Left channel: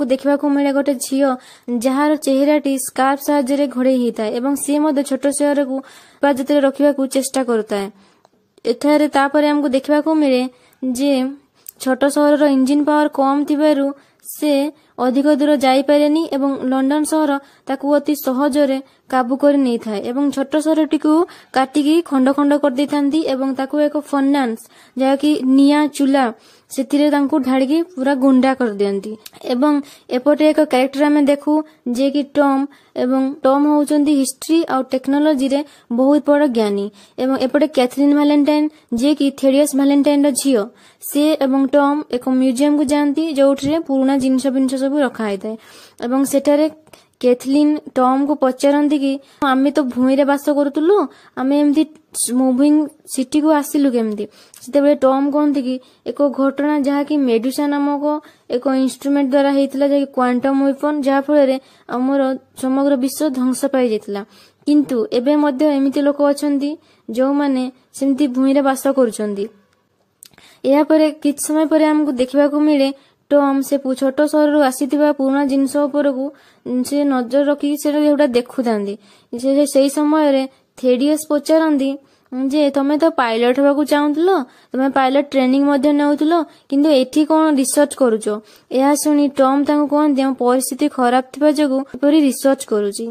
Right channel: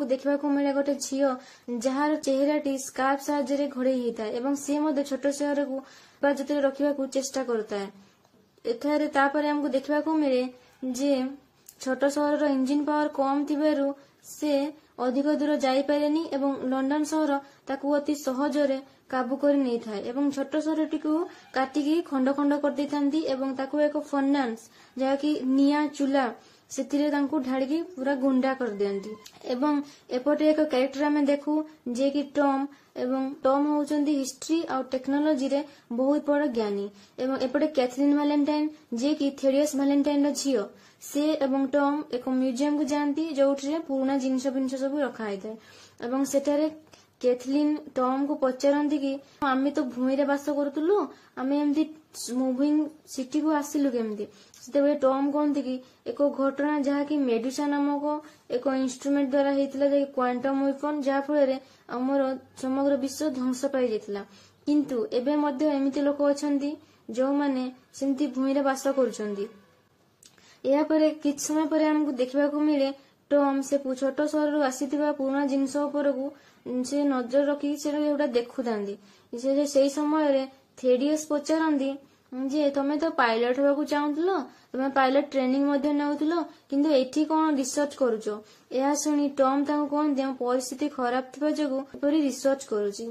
आमको देखा मिले गोटे झील जार चेहराटी स्कार्फ साहाय्य घोड़े होता है एवं सी छोट सहर को हेफाजत रखा चेष्टा करुए। एठारे तापर आमको देखा मिले जे छोट सहर इंजिन पावर कम थिबारु से अधिक दूर जाइपारेनी एवं लंडन सहर ताकू अति सहजरे काबू कर नहीं थाए एवं छोट सहरटी को काटिकी खंड खंड कर देई थांती एवं ताकू एक फर्नांस जहाँकि निया चूल्हा से ढाड़ी पूरा गुंडा कर दियंती। एवं एपटे एक कैरेक्टर आमे देखू जे कि टॉम एवं टॉम होउचंदी हिस्ट्री और टेक्नोलॉजी रे बहुत बड़ ज्ञानी एवं एपटे कैथरीन वैलेंटाइन जे कि थेडियस वैलेंटाइन रो झियो से एवं टॉम एक म्यूजियम को जाती जो पुराना जिनस बिनस सब रखा है एवं सेठारे कैथलीन टॉम को पचारती कि आमे तो भूमि रे बास करूलु आमे एमती मुविंग सिटी को आसिलु केमती से टॉम कहती कि एक घटना जहाँ कि मेडुसा नामक एक इंस्ट्रूमेंट द्वारा होता है क्वांटम वेपन जहाँ फल आमर समग्र विश्व ध्वंस पाई जाता किंतु एबे मध्य एमिति लोक अछंती जो माने सेमती भूमि रे बास करुछंती। या परे किछ समय परे हमको देखा मिले टॉम से छोट सहर आसीथिबा पुराना जिनस उपरकू से नजर रखी से देखु से समय रे थेडियस पचारती जे तमे तो पायलट होगा चाहूल तमे पायलट ट्रेनिंग नौल किंतु एठी कौन रिसर्च करुचो। यह शुणी टॉम तांको कहते परिस्थिति खराब थिबा जगु रिसर्च करुची।